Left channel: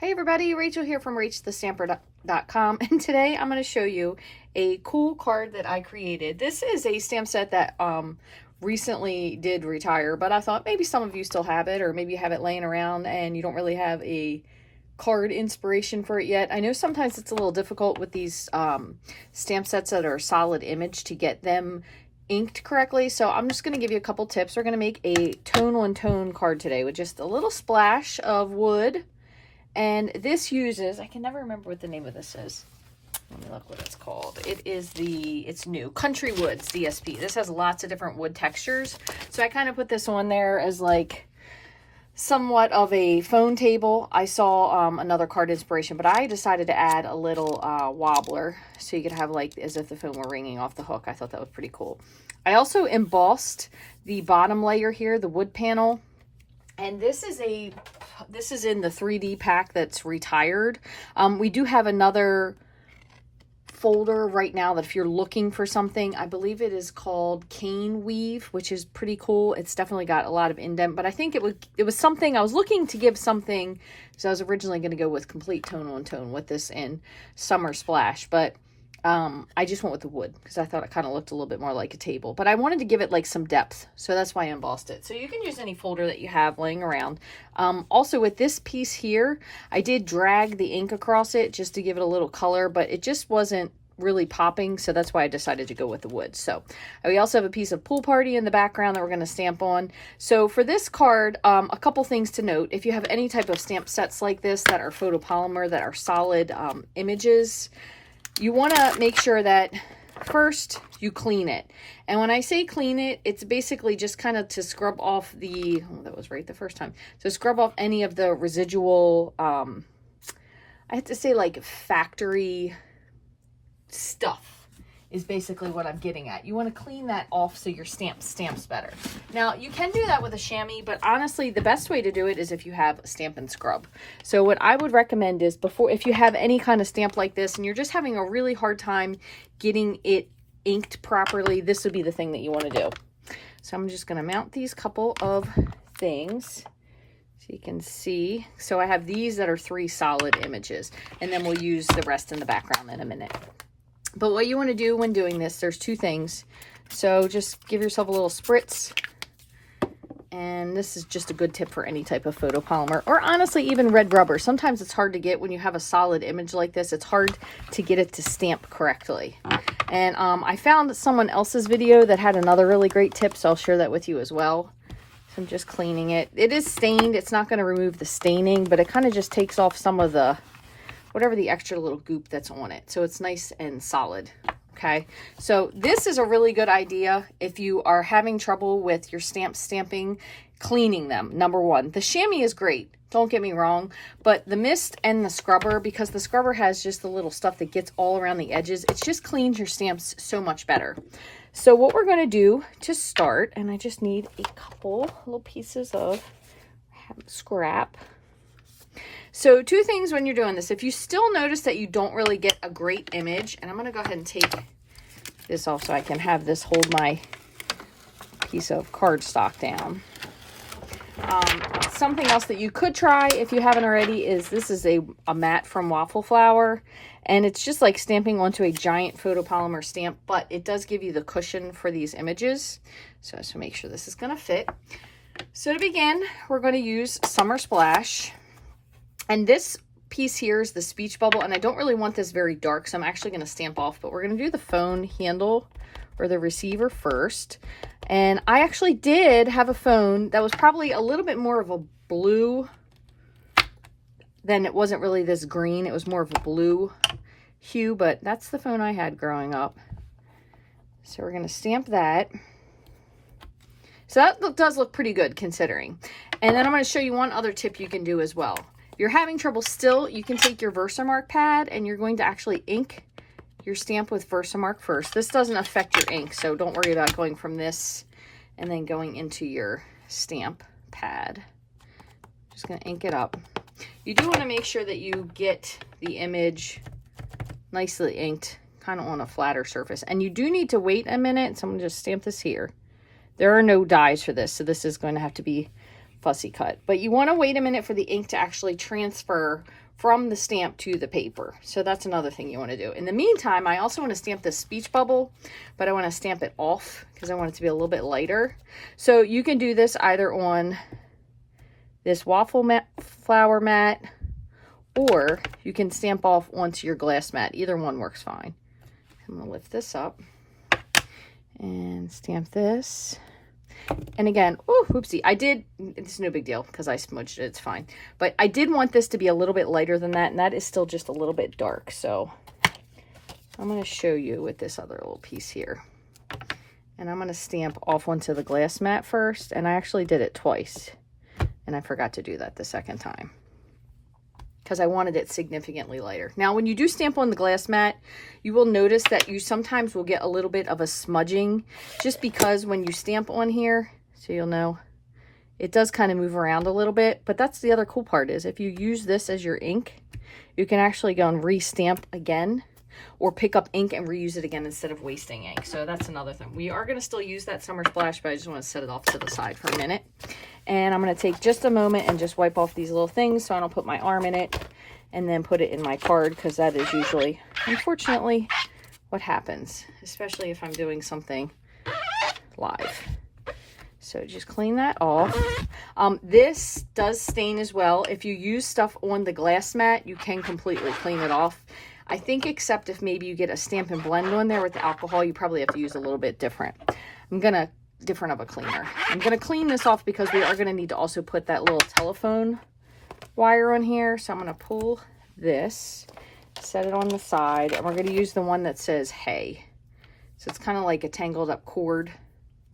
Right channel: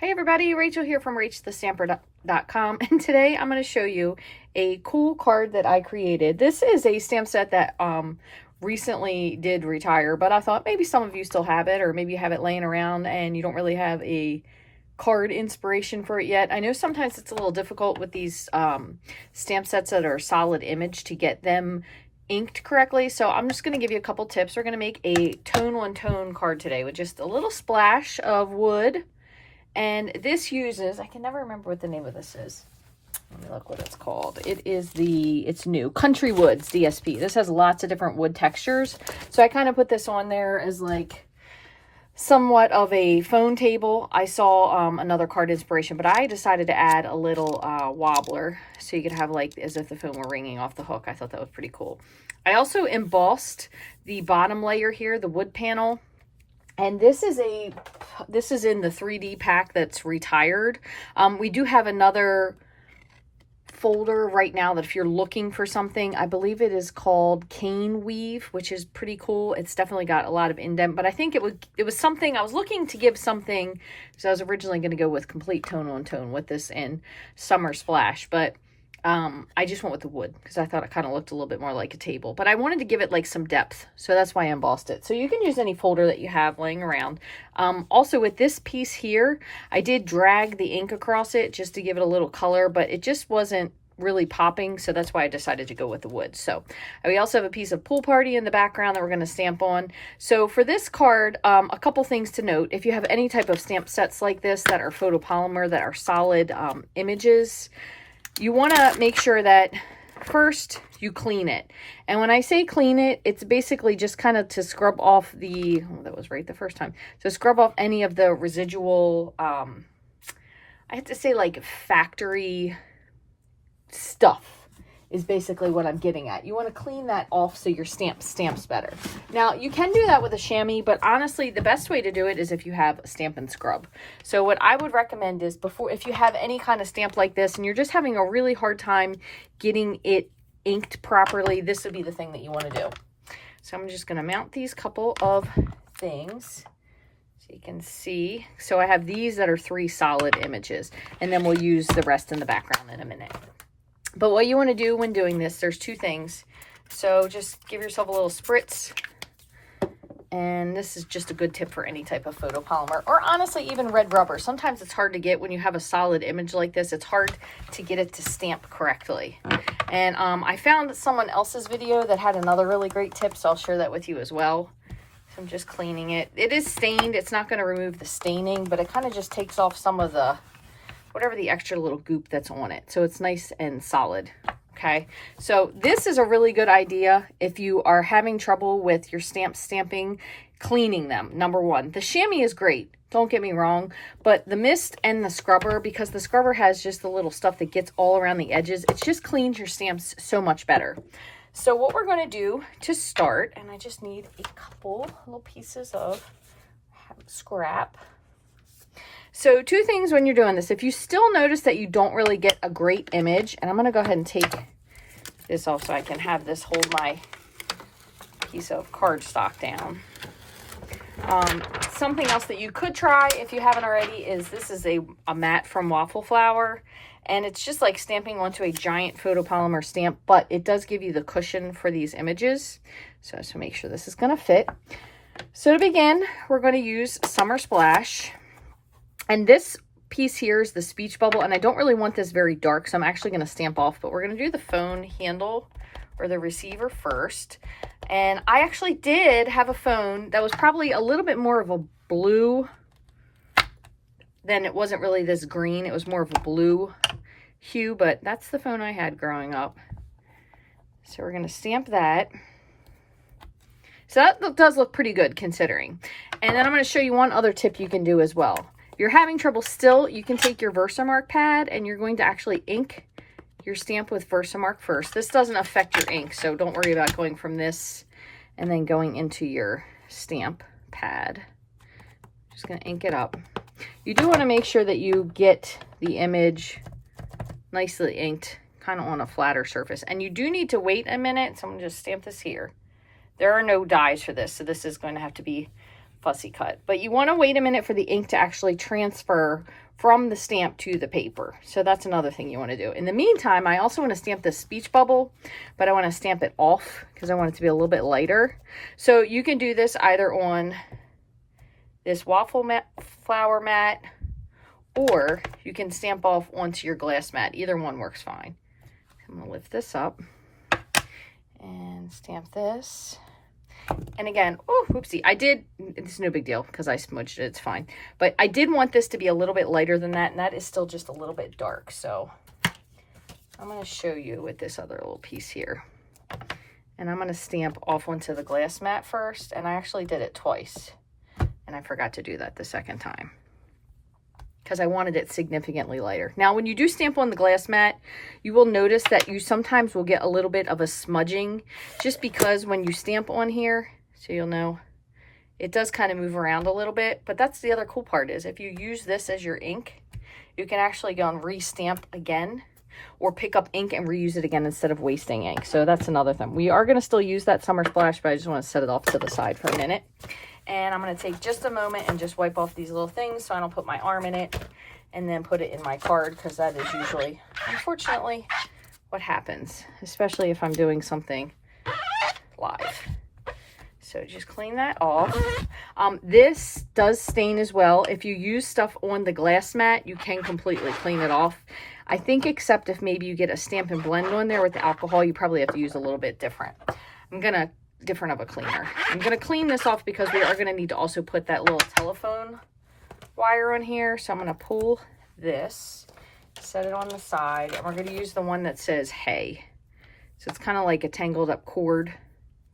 Hey everybody, Rachel here from Rachthestamper.com, and today I'm going to show you a cool card that I created. This is a stamp set that recently did retire, but I thought maybe some of you still have it, or maybe you have it laying around and you don't really have a card inspiration for it yet. I know sometimes it's a little difficult with these stamp sets that are solid image to get them inked correctly, so I'm just going to give you a couple tips. We're going to make a tone card today with just a little splash of wood. And this uses, I can never remember what the name of this is. Let me look what it's called. It's new, Country Woods DSP. This has lots of different wood textures. So I kind of put this on there as like somewhat of a phone table. I saw another card inspiration, but I decided to add a little wobbler so you could have like as if the phone were ringing off the hook. I thought that was pretty cool. I also embossed the bottom layer here, the wood panel. And this is in the 3D pack that's retired. We do have another folder right now that if you're looking for something, I believe it is called Cane Weave, which is pretty cool. It's definitely got a lot of indent, but I think it was something I was looking to give something, so I was originally going to go with complete tone on tone with this in Summer Splash, but I just went with the wood because I thought it kind of looked a little bit more like a table, but I wanted to give it like some depth, so that's why I embossed it. So you can use any folder that you have laying around. Also with this piece here, I did drag the ink across it just to give it a little color, but it just wasn't really popping, so that's why I decided to go with the wood. So we also have a piece of Pool Party in the background that we're going to stamp on. So for this card, a couple things to note. If you have any type of stamp sets like this that are photopolymer, that are solid images, you want to make sure that first you clean it. And when I say clean it, it's basically just kind of to scrub off the, oh, that was right the first time, to scrub off any of the residual, I have to say like factory stuff is basically what I'm getting at. You want to clean that off so your stamps better. Now, you can do that with a chamois, but honestly, the best way to do it is if you have a Stampin' scrub. So what I would recommend is if you have any kind of stamp like this and you're just having a really hard time getting it inked properly, this would be the thing that you want to do. So I'm just going to mount these couple of things so you can see. So I have these that are 3 solid images, and then we'll use the rest in the background in a minute. But what you want to do when doing this, there's 2 things. So just give yourself a little spritz. And this is just a good tip for any type of photopolymer, or honestly even red rubber. Sometimes it's hard to get when you have a solid image like this. It's hard to get it to stamp correctly. And I found someone else's video that had another really great tip, so I'll share that with you as well. So I'm just cleaning it. It is stained. It's not going to remove the staining, but it kind of just takes off some of the whatever the extra little goop that's on it, so it's nice and solid. Okay, so this is a really good idea if you are having trouble with your stamping, cleaning them. Number 1, the chamois is great, don't get me wrong, but the mist and the scrubber, because the scrubber has just the little stuff that gets all around the edges, it just cleans your stamps so much better. So what we're going to do to start, and I just need a couple little pieces of scrap. So 2 things when you're doing this. If you still notice that you don't really get a great image, and I'm going to go ahead and take this off so I can have this hold my piece of cardstock down. Something else that you could try if you haven't already is this is a mat from Waffle Flower, and it's just like stamping onto a giant photopolymer stamp, but it does give you the cushion for these images. So make sure this is going to fit. So to begin, we're going to use Summer Splash. And this piece here is the speech bubble, and I don't really want this very dark, so I'm actually going to stamp off, but we're going to do the phone handle or the receiver first. And I actually did have a phone that was probably a little bit more of a blue than it wasn't really this green. It was more of a blue hue, but that's the phone I had growing up. So we're going to stamp that. So that does look pretty good considering. And then I'm going to show you one other tip you can do as well. If you're having trouble still, you can take your Versamark pad and you're going to actually ink your stamp with Versamark first. This doesn't affect your ink, so don't worry about going from this and then going into your stamp pad. Just going to ink it up. You do want to make sure that you get the image nicely inked, kind of on a flatter surface. And you do need to wait a minute, so I'm going to just stamp this here. There are no dies for this, so this is going to have to be fussy cut. But you want to wait a minute for the ink to actually transfer from the stamp to the paper. So that's another thing you want to do. In the meantime, I also want to stamp this speech bubble, but I want to stamp it off because I want it to be a little bit lighter. So you can do this either on this waffle mat, flower mat, or you can stamp off onto your glass mat. Either one works fine. I'm going to lift this up and stamp this. And again, oh, whoopsie, it's no big deal because I smudged it, it's fine. But I did want this to be a little bit lighter than that, and that is still just a little bit dark. So I'm going to show you with this other little piece here. And I'm going to stamp off onto the glass mat first, and I actually did it twice. And I forgot to do that the second time because I wanted it significantly lighter. Now, when you do stamp on the glass mat, you will notice that you sometimes will get a little bit of a smudging just because when you stamp on here, so you'll know, it does kind of move around a little bit. But that's the other cool part is if you use this as your ink, you can actually go and re-stamp again or pick up ink and reuse it again instead of wasting ink. So that's another thing. We are going to still use that Summer Splash, but I just want to set it off to the side for a minute. And I'm going to take just a moment and just wipe off these little things so I don't put my arm in it and then put it in my card, because that is usually, unfortunately, what happens, especially if I'm doing something live. So just clean that off. This does stain as well. If you use stuff on the glass mat, you can completely clean it off. I think except if maybe you get a Stampin' Blend on there with the alcohol, you probably have to use a little bit different. Different of a cleaner. I'm going to clean this off because we are going to need to also put that little telephone wire on here. So I'm going to pull this, set it on the side, and we're going to use the one that says hey. So it's kind of like a tangled up cord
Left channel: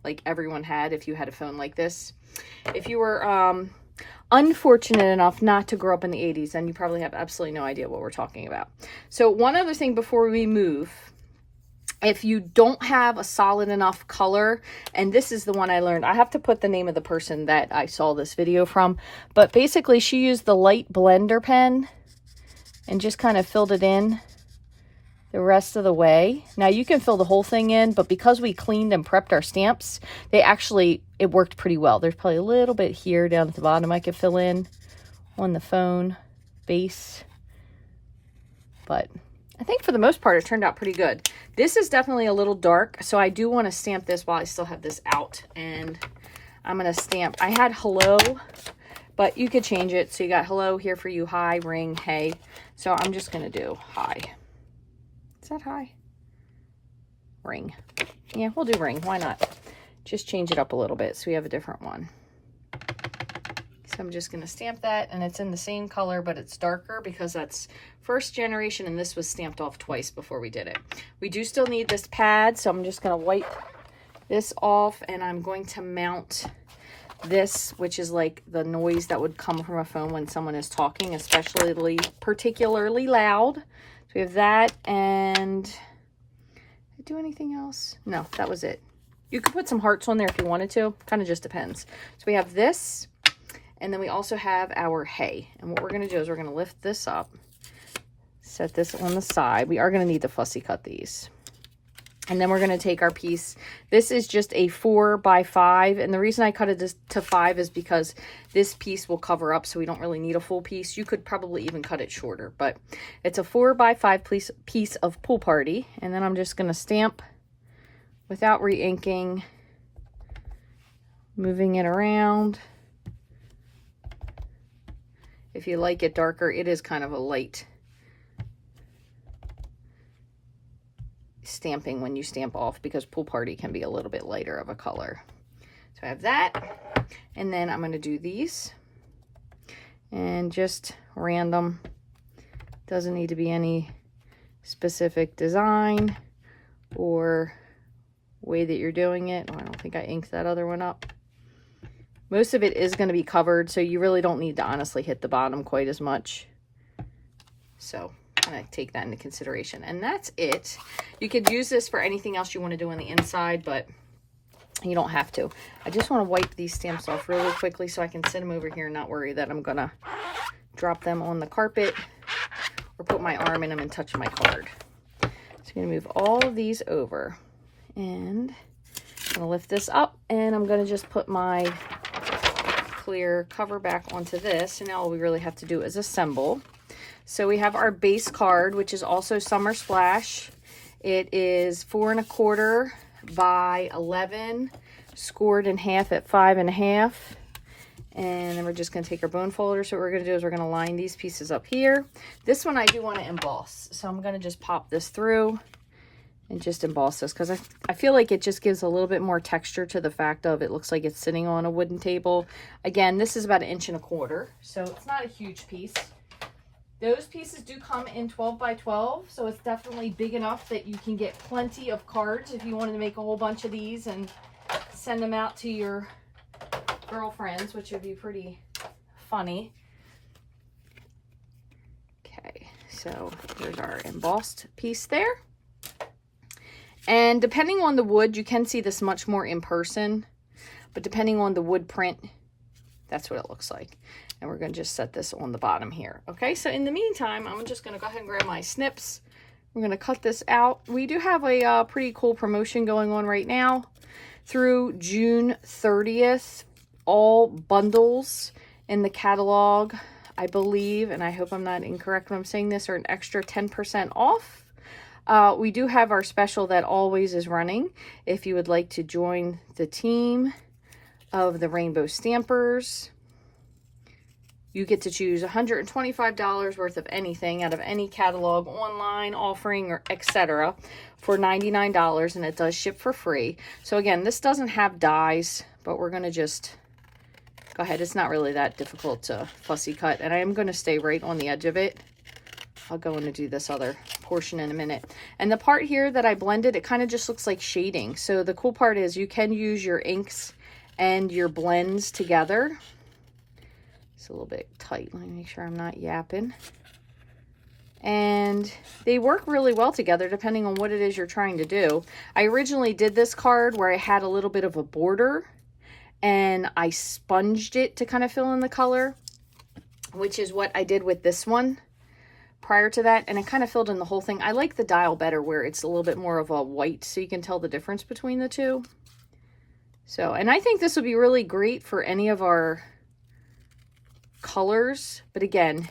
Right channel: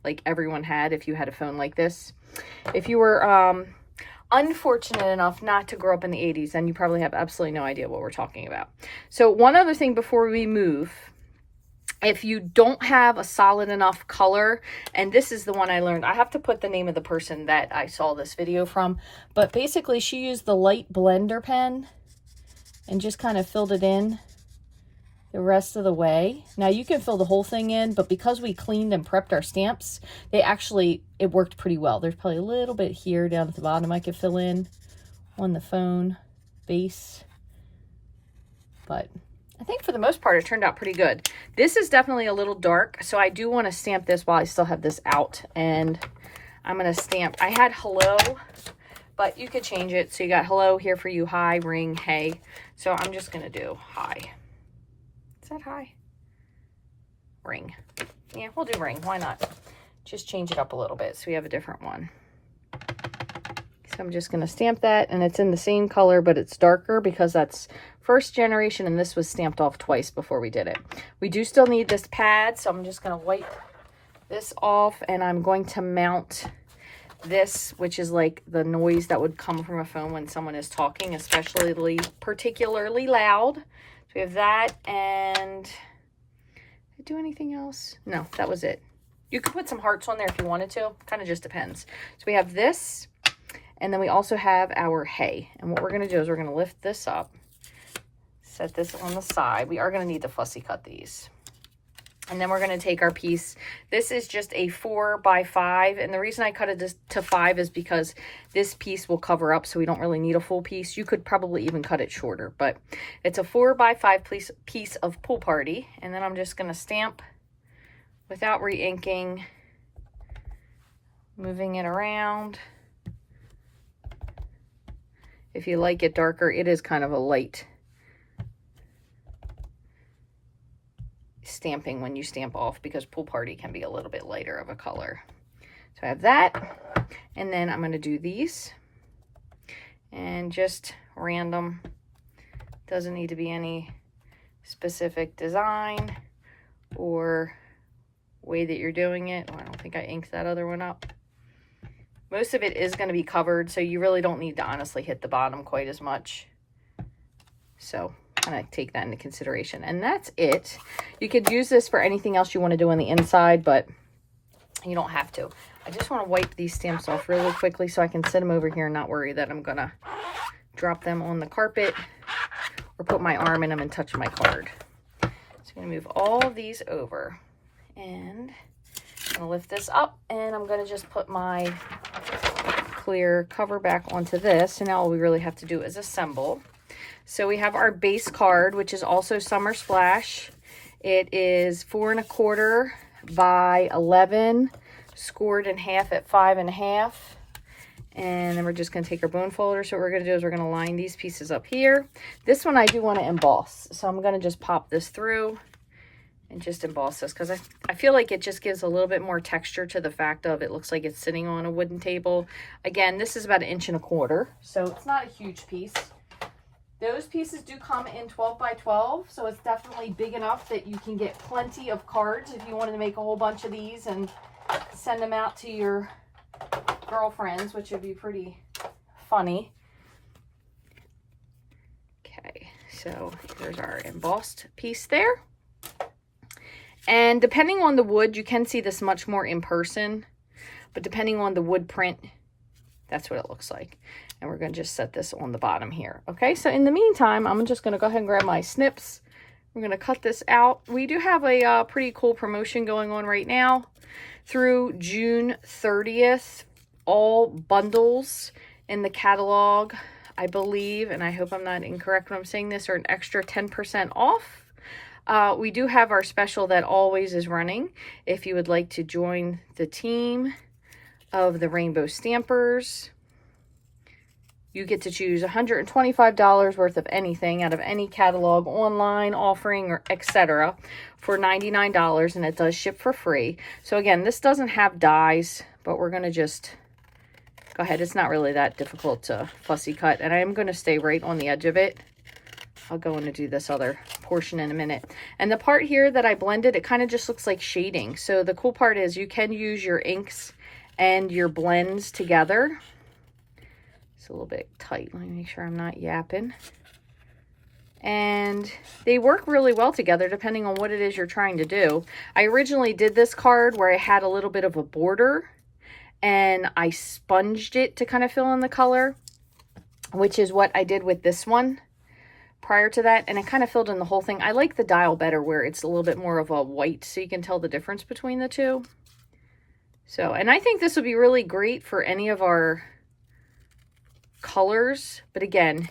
like everyone had if you had a phone like this. If you were unfortunate enough not to grow up in the 80s, then you probably have absolutely no idea what we're talking about. So one other thing before we move, if you don't have a solid enough color, and this is the one I learned, I have to put the name of the person that I saw this video from, but basically she used the light blender pen and just kind of filled it in the rest of the way. Now you can fill the whole thing in, but because we cleaned and prepped our stamps, it worked pretty well. There's probably a little bit here down at the bottom I could fill in on the phone base, but I think for the most part, it turned out pretty good. This is definitely a little dark, so I do want to stamp this while I still have this out. And I'm going to stamp, I had hello, but you could change it. So you got hello here for you, hi, ring, hey. So I'm just going to do hi. Is that hi? Ring. Yeah, we'll do ring. Why not? Just change it up a little bit so we have a different one. So I'm just going to stamp that, and it's in the same color, but it's darker because that's first generation, and this was stamped off twice before we did it. We do still need this pad, so I'm just going to wipe this off, and I'm going to mount this, which is like the noise that would come from a phone when someone is talking, particularly loud. So we have that, and did I do anything else? No, that was it. You could put some hearts on there if you wanted to. Kind of just depends. So we have this. And then we also have our hay. And what we're going to do is we're going to lift this up, set this on the side. We are going to need to fussy cut these. And then we're going to take our piece. This is just a 4x5. And the reason I cut it to 5 is because this piece will cover up, so we don't really need a full piece. You could probably even cut it shorter. But it's a 4x5 piece of Pool Party. And then I'm just going to stamp without re-inking, moving it around. If you like it darker, it is kind of a light stamping when you stamp off, because Pool Party can be a little bit lighter of a color. So I have that, and then I'm going to do these, and just random. Doesn't need to be any specific design or way that you're doing it. Oh, I don't think I inked that other one up. Most of it is going to be covered, so you really don't need to honestly hit the bottom quite as much. So kind of take that into consideration. And that's it. You could use this for anything else you want to do on the inside, but you don't have to. I just want to wipe these stamps off really quickly so I can sit them over here and not worry that I'm going to drop them on the carpet or put my arm in them and touch my card. So I'm going to move all of these over, and I'm going to lift this up, and I'm going to just put my clear cover back onto this. And now all we really have to do is assemble. So we have our base card, which is also Summer Splash. It is 4 1/4 by 11, scored in half at 5 1/2. And then we're just going to take our bone folder. So what we're going to do is we're going to line these pieces up here. This one I do want to emboss. So I'm going to just pop this through and just emboss this, because I feel like it just gives a little bit more texture to the fact of it looks like it's sitting on a wooden table. Again, this is about 1 1/4 inches, so it's not a huge piece. Those pieces do come in 12 by 12, so it's definitely big enough that you can get plenty of cards if you wanted to make a whole bunch of these and send them out to your girlfriends, which would be pretty funny. Okay, so there's our embossed piece there. And depending on the wood, you can see this much more in person, but depending on the wood print, that's what it looks like. And we're going to just set this on the bottom here. Okay, so in the meantime, I'm just going to go ahead and grab my snips. We're going to cut this out. We do have a pretty cool promotion going on right now through June 30th. All bundles in the catalog, I believe, and I hope I'm not incorrect when I'm saying this, are an extra 10% off. We do have our special that always is running. If you would like to join the team of the Rainbow Stampers, you get to choose $125 worth of anything out of any catalog, online, offering, or etc. for $99, and it does ship for free. So again, this doesn't have dies, but we're going to just go ahead. It's not really that difficult to fussy cut, and I am going to stay right on the edge of it. I'll go in and do this other portion in a minute. And the part here that I blended, it kind of just looks like shading. So the cool part is you can use your inks and your blends together. It's a little bit tight. Let me make sure I'm not yapping. And they work really well together depending on what it is you're trying to do. I originally did this card where I had a little bit of a border and I sponged it to kind of fill in the color, which is what I did with this one prior to that, and it kind of filled in the whole thing. I like the dial better where it's a little bit more of a white, so you can tell the difference between the two. So, and I think this would be really great for any of our colors, but again,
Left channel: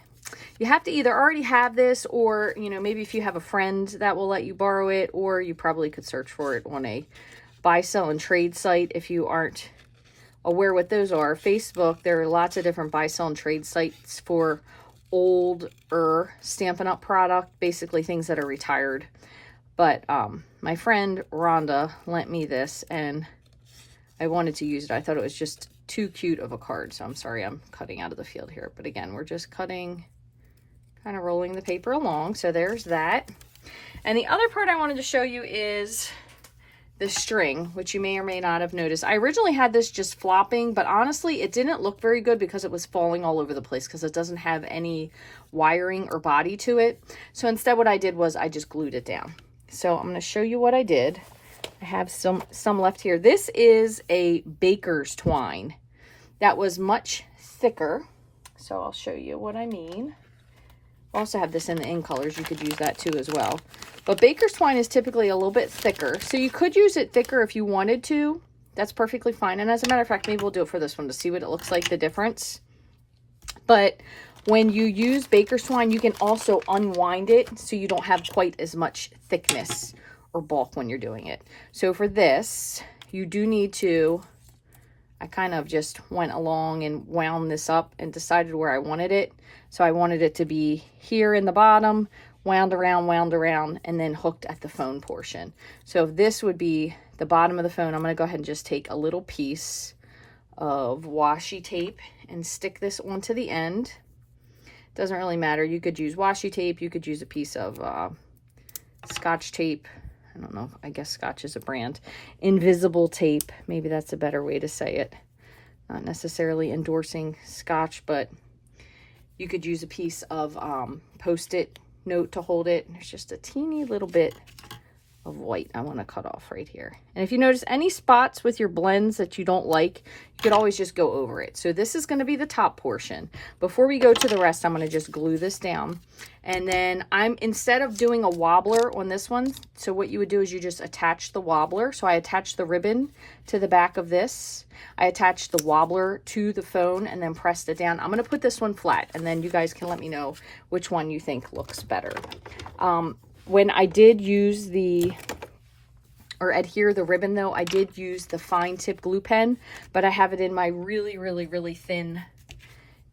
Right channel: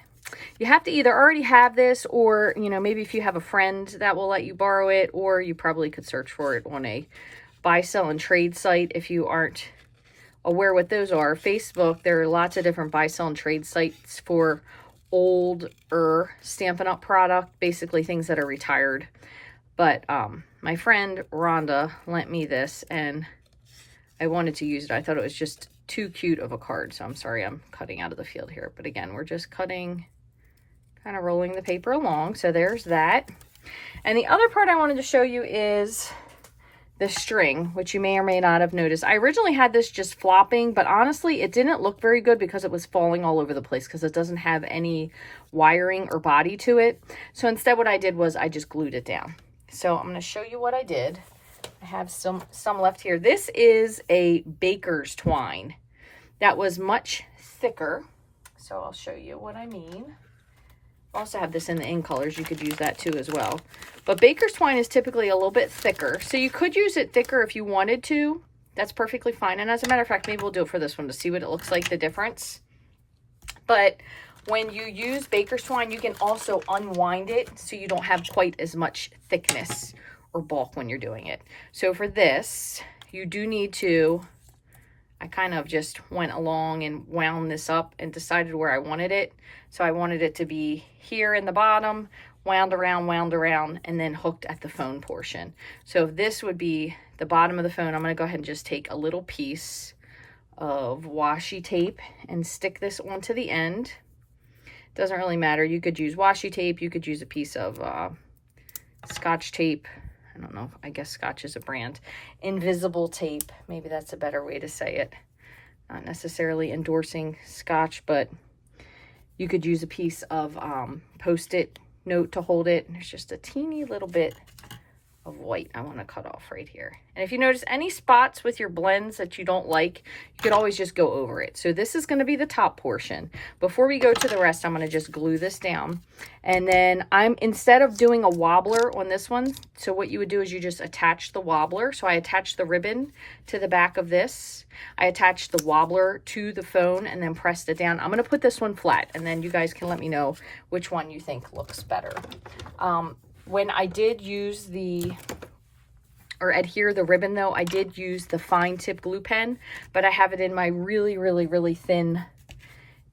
you have to either already have this, or, you know, maybe if you have a friend that will let you borrow it, or you probably could search for it on a buy, sell, and trade site if you aren't aware what those are. Facebook, there are lots of different buy, sell, and trade sites for older Stampin' Up! Product, basically things that are retired. But my friend Rhonda lent me this, and I wanted to use it. I thought it was just too cute of a card, so I'm sorry I'm cutting out of the field here. But again, we're just cutting, kind of rolling the paper along. So there's that. And the other part I wanted to show you is the string, which you may or may not have noticed. I originally had this just flopping, but honestly, it didn't look very good because it was falling all over the place because it doesn't have any wiring or body to it. So instead what I did was I just glued it down. So I'm going to show you what I did. I have some left here. This is a baker's twine that was much thicker. So I'll show you what I mean. I also have this in the in colors. You could use that too as well. But baker's twine is typically a little bit thicker. So you could use it thicker if you wanted to. That's perfectly fine. And as a matter of fact, maybe we'll do it for this one to see what it looks like, the difference. But when you use baker's twine, you can also unwind it so you don't have quite as much thickness or bulk when you're doing it. So for this, you do need to, I kind of just went along and wound this up and decided where I wanted it. So I wanted it to be here in the bottom, wound around, and then hooked at the phone portion. So if this would be the bottom of the phone, I'm going to go ahead and just take a little piece of washi tape and stick this onto the end. Doesn't really matter. You could use washi tape. You could use a piece of Scotch tape. I don't know. I guess Scotch is a brand. Invisible tape. Maybe that's a better way to say it. Not necessarily endorsing Scotch, but you could use a piece of Post-it note to hold it. There's just a teeny little bit of white I want to cut off right here. And if you notice any spots with your blends that you don't like, you could always just go over it. So this is going to be the top portion. Before we go to the rest, I'm going to just glue this down. And then instead of doing a wobbler on this one, so what you would do is you just attach the wobbler. So I attached the ribbon to the back of this. I attached the wobbler to the phone and then pressed it down. I'm going to put this one flat, and then you guys can let me know which one you think looks better. When I did use adhere the ribbon though, I did use the fine tip glue pen, but I have it in my really, really, really thin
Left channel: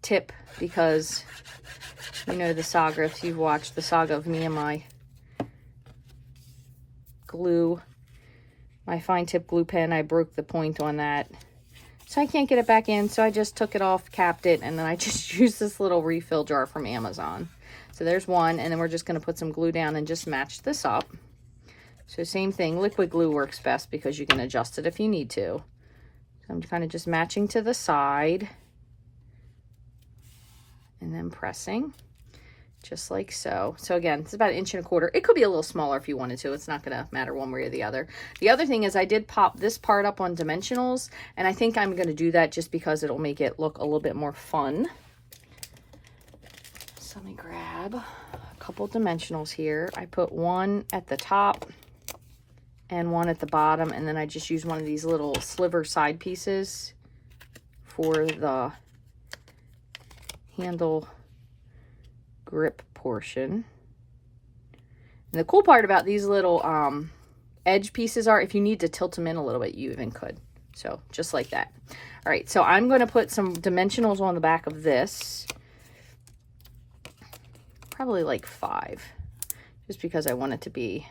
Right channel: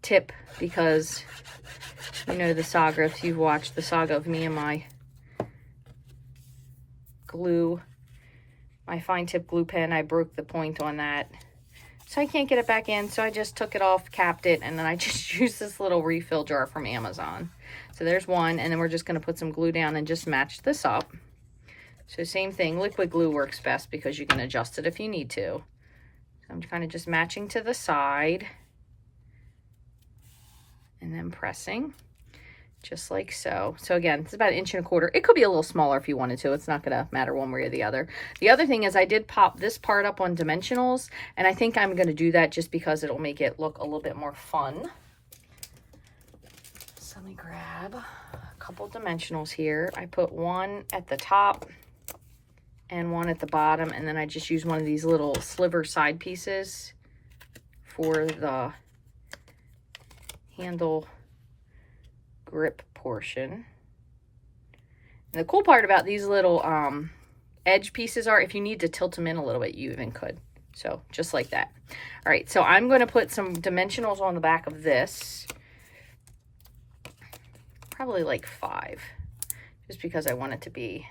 tip because, you know, the saga, if you've watched the saga of me and my glue, my fine tip glue pen, I broke the point on that. So I can't get it back in, so I just took it off, capped it, and then I just used this little refill jar from Amazon. So there's one, and then we're just going to put some glue down and just match this up. So same thing, liquid glue works best because you can adjust it if you need to. So I'm kind of just matching to the side and then pressing just like so. So again, it's about 1.25 inches. It could be a little smaller if you wanted to. It's not going to matter one way or the other. The other thing is I did pop this part up on dimensionals, and I think I'm going to do that just because it'll make it look a little bit more fun. A couple dimensionals here. I put one at the top and one at the bottom, and then I just use one of these little sliver side pieces for the handle grip portion. And the cool part about these little edge pieces are if you need to tilt them in a little bit, you even could. So just like that. All right, so I'm going to put some dimensionals on the back of this. Probably like 5, just because I want it to be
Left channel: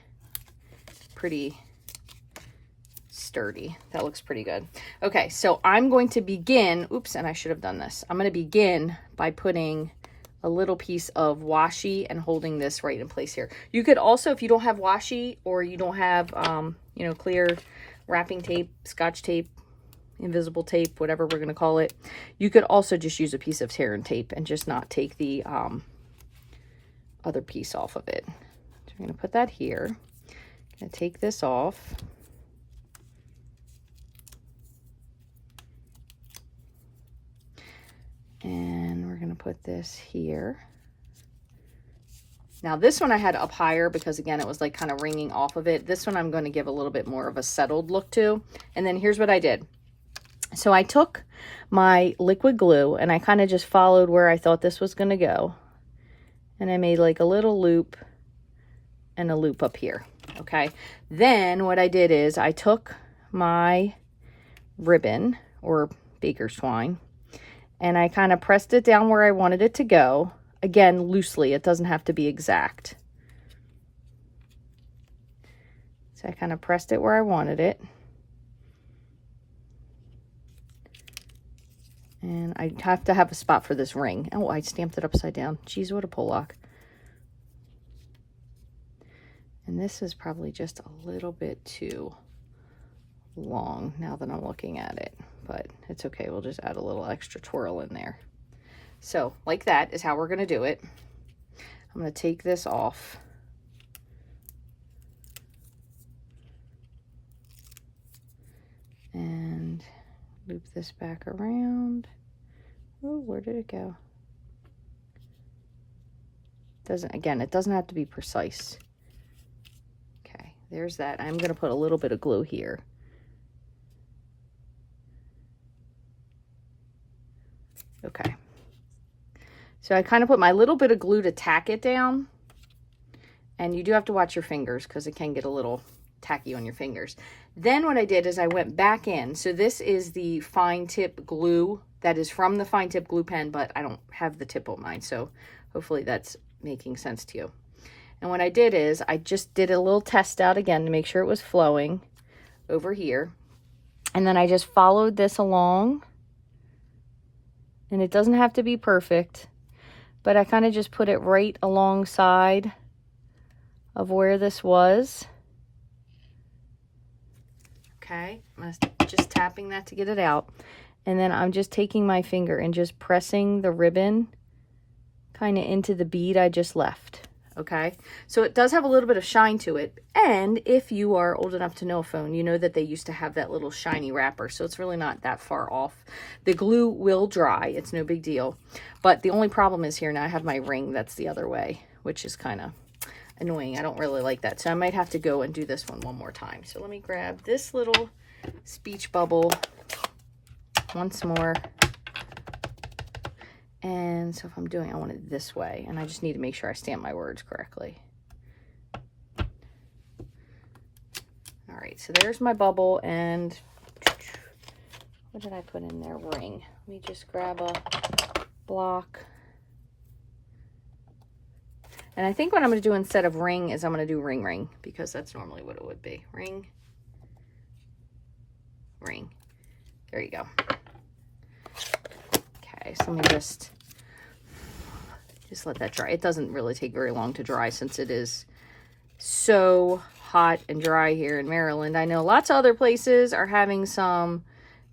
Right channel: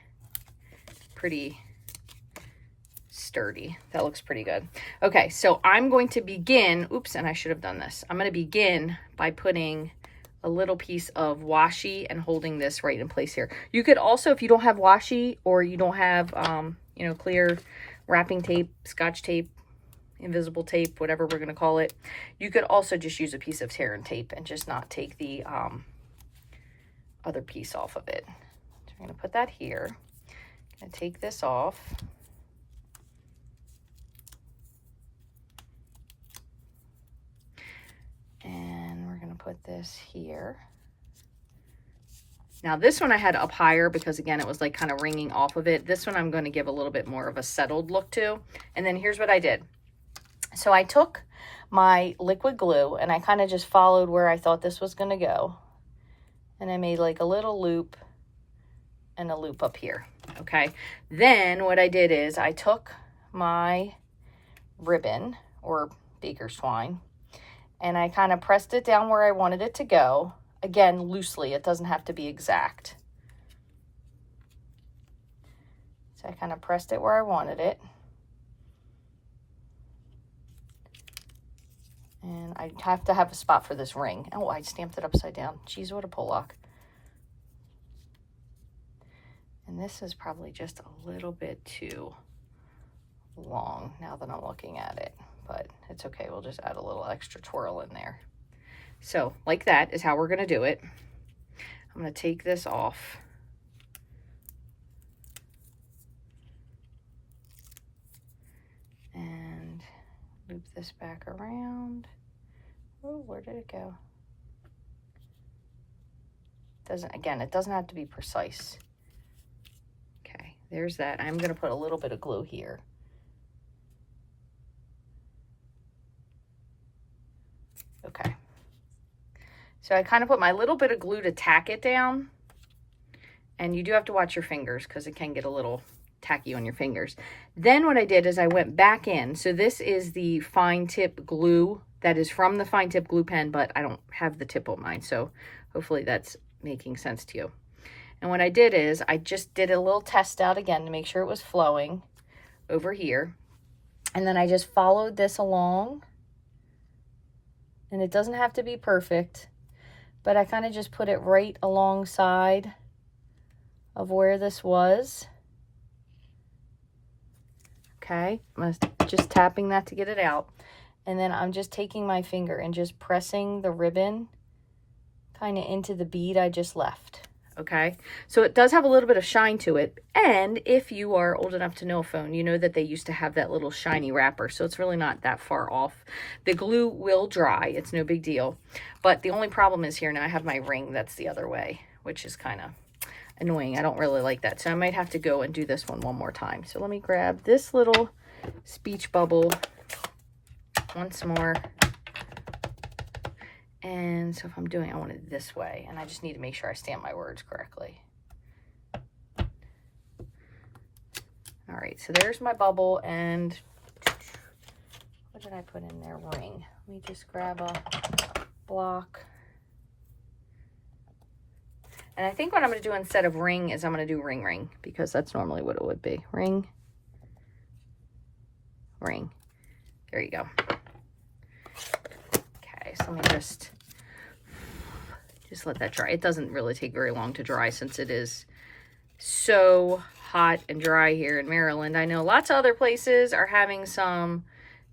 pretty sturdy. That looks pretty good. Okay, so I'm going to begin, oops, and I should have done this. I'm going to begin by putting a little piece of washi and holding this right in place here. You could also, if you don't have washi or you don't have, you know, clear wrapping tape, scotch tape, invisible tape, whatever we're going to call it, you could also just use a piece of tear and tape and just not take the other piece off of it. So I'm going to put that here. I'm going to take this off. And we're going to put this here. Now this one I had up higher because again it was like kind of ringing off of it. This one I'm going to give a little bit more of a settled look to. And then here's what I did. So I took my liquid glue and I kind of just followed where I thought this was going to go. And I made like a little loop and a loop up here, okay? Then what I did is I took my ribbon or baker's twine and I kind of pressed it down where I wanted it to go. Again, loosely, it doesn't have to be exact. So I kind of pressed it where I wanted it. And I have to have a spot for this ring. Oh, I stamped it upside down. Geez, what a pull-lock. And this is probably just a little bit too long now that I'm looking at it. But it's okay. We'll just add a little extra twirl in there. So, like that is how we're going to do it. I'm going to take this off. And loop this back around. Ooh, where did it go? Again, it doesn't have to be precise. Okay, there's that. I'm going to put a little bit of glue here. Okay. So I kind of put my little bit of glue to tack it down. And you do have to watch your fingers because it can get a little tacky on your fingers. Then what I did is I went back in. So this is the fine tip glue that is from the fine tip glue pen, but I don't have the tip on mine. So hopefully that's making sense to you. And what I did is I just did a little test out again to make sure it was flowing over here. And then I just followed this along. And it doesn't have to be perfect, but I kind of just put it right alongside of where this was. Okay, I'm just tapping that to get it out. And then I'm just taking my finger and just pressing the ribbon kind of into the bead I just left. okay? So it does have a little bit of shine to it. And if you are old enough to know a phone, you know that they used to have that little shiny wrapper. So it's really not that far off. The glue will dry. It's no big deal. But the only problem is here now I have my ring that's the other way, which is kind of annoying. I don't really like that. So I might have to go and do this one more time. So let me grab this little speech bubble once more. And so if I'm doing, I want it this way, and I just need to make sure I stamp my words correctly. All right, so there's my bubble, and what did I put in there? Ring. Let me just grab a block. And I think what I'm going to do instead of ring is I'm going to do ring, ring, because that's normally what it would be. Ring, ring. There you go. So let me just let that dry. It doesn't really take very long to dry since it is so hot and dry here in Maryland. I know lots of other places are having some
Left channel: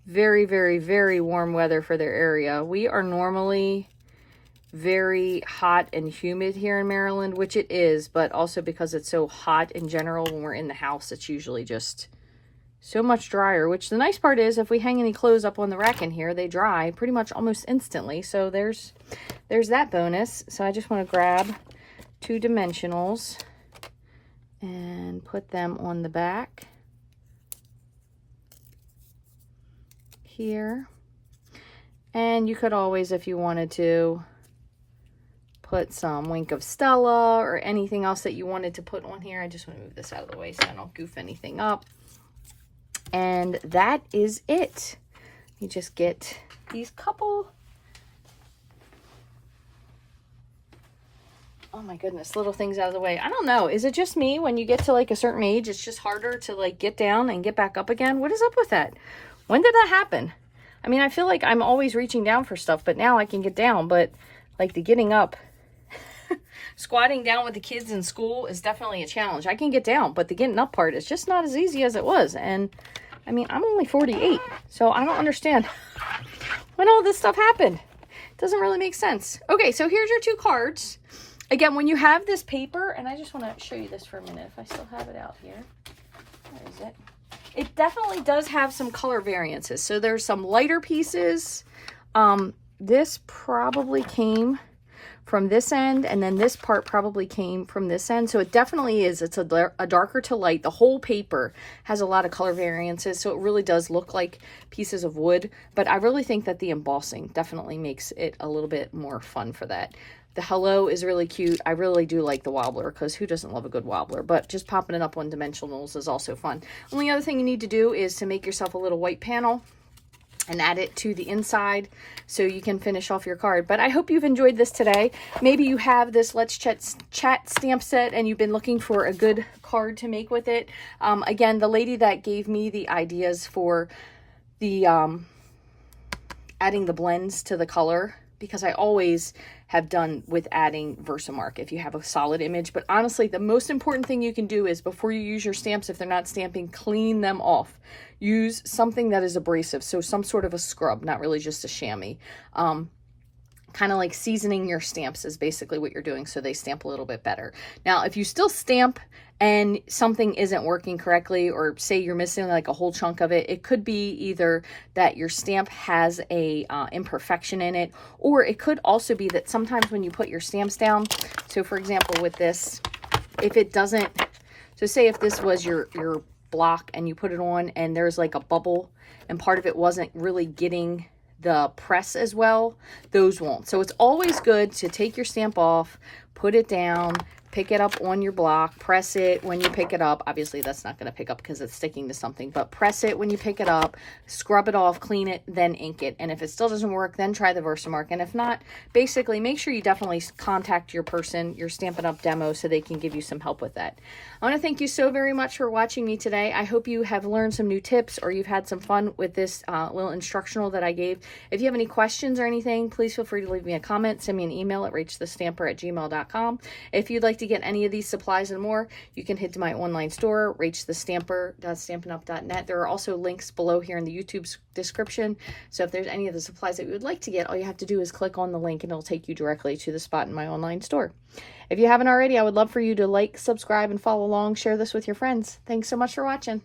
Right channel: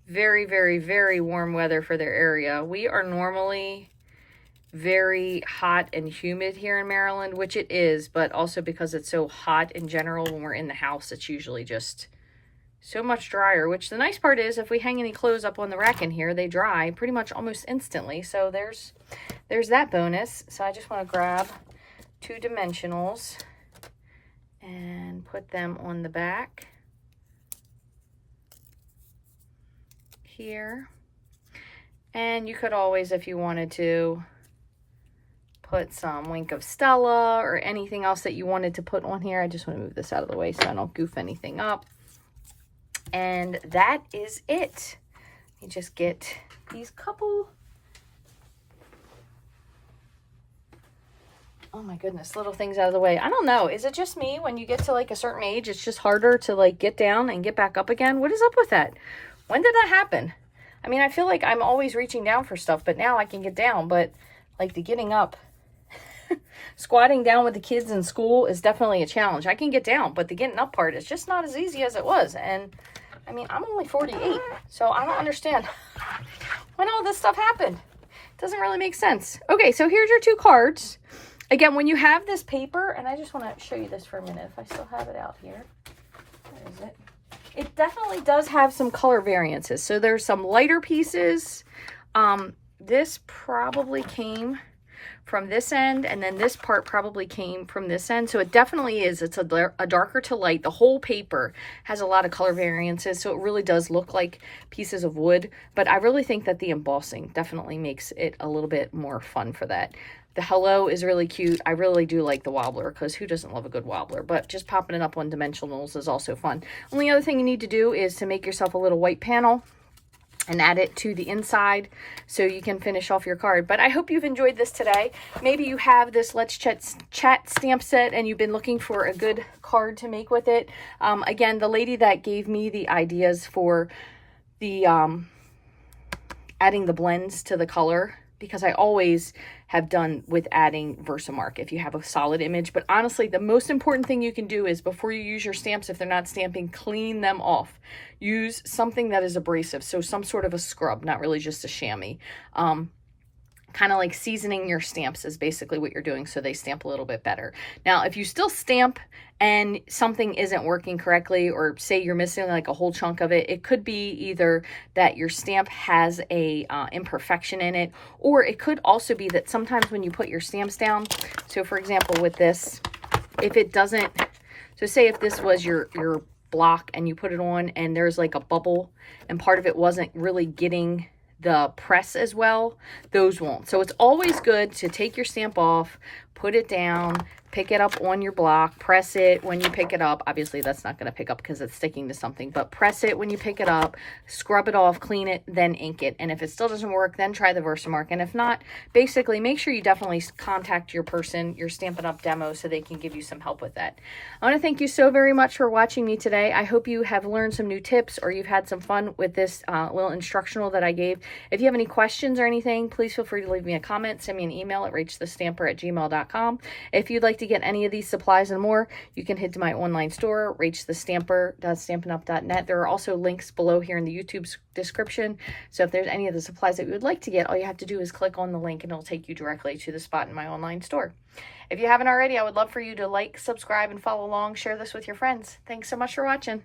very, very, very warm weather for their area. We are normally very hot and humid here in Maryland, which it is, but also because it's so hot in general when we're in the house, it's usually just so much drier, which the nice part is if we hang any clothes up on the rack in here, they dry pretty much almost instantly. So there's that bonus. So I just want to grab 2 dimensionals and put them on the back here. And you could always, if you wanted to, put some Wink of Stella or anything else that you wanted to put on here. I just want to move this out of the way so I don't goof anything up. And that is it. You just get these couple, oh my goodness, little things out of the way. I don't know. Is it just me when you get to like a certain age, it's just harder to like get down and get back up again? What is up with that? When did that happen? I mean, I feel like I'm always reaching down for stuff, but now I can get down. But like the getting up, squatting down with the kids in school is definitely a challenge. I can get down, but the getting up part is just not as easy as it was. And I mean, I'm only 48, so I don't understand when all this stuff happened. It doesn't really make sense. Okay, so here's your 2 cards. Again, when you have this paper, and I just want to show you this for a minute if I still have it out here. Where is it? It definitely does have some color variances. So there's some lighter pieces. This probably came from this end, and then this part probably came from this end. So it definitely is. It's a darker to light. The whole paper has a lot of color variances, so it really does look like pieces of wood. But I really think that the embossing definitely makes it a little bit more fun for that. The hello is really cute. I really do like the wobbler, because who doesn't love a good wobbler? But just popping it up on dimensionals is also fun. Only other thing you need to do is to make yourself a little white panel and add it to the inside so you can finish off your card. But I hope you've enjoyed this today. Maybe you have this Let's Chat stamp set and you've been looking for a good card to make with it. Again, the lady that gave me the ideas for the adding the blends to the color, because I always have done with adding Versamark if you have a solid image. But honestly, the most important thing you can do is before you use your stamps, if they're not stamping, clean them off. Use something that is abrasive, so some sort of a scrub, not really just a chamois. Kind of like seasoning your stamps is basically what you're doing so they stamp a little bit better. Now, if you still stamp and something isn't working correctly, or say you're missing like a whole chunk of it, it could be either that your stamp has a imperfection in it, or it could also be that sometimes when you put your stamps down, so for example with this, if it doesn't, so say if this was your block and you put it on and there's like a bubble and part of it wasn't really getting the press as well, those won't. So it's always good to take your stamp off, put it down, pick it up on your block, press it when you pick it up. Obviously that's not going to pick up because it's sticking to something, but press it when you pick it up, scrub it off, clean it, then ink it. And if it still doesn't work, then try the Versamark. And if not, basically make sure you definitely contact your person, your Stampin' Up! Demo, so they can give you some help with that. I want to thank you so very much for watching me today. I hope you have learned some new tips, or you've had some fun with this little instructional that I gave. If you have any questions or anything, please feel free to leave me a comment, send me an email at rachthestamper@gmail.com. rachthestamper.com. If you'd like to get any of these supplies and more, you can head to my online store, rachthestamper.stampinup.net. There are also links below here in the YouTube description. So if there's any of the supplies that you would like to get, all you have to do is click on the link and it'll take you directly to the spot in my online store. If you haven't already, I would love for you to like, subscribe, and follow along. Share this with your friends. Thanks so much for watching.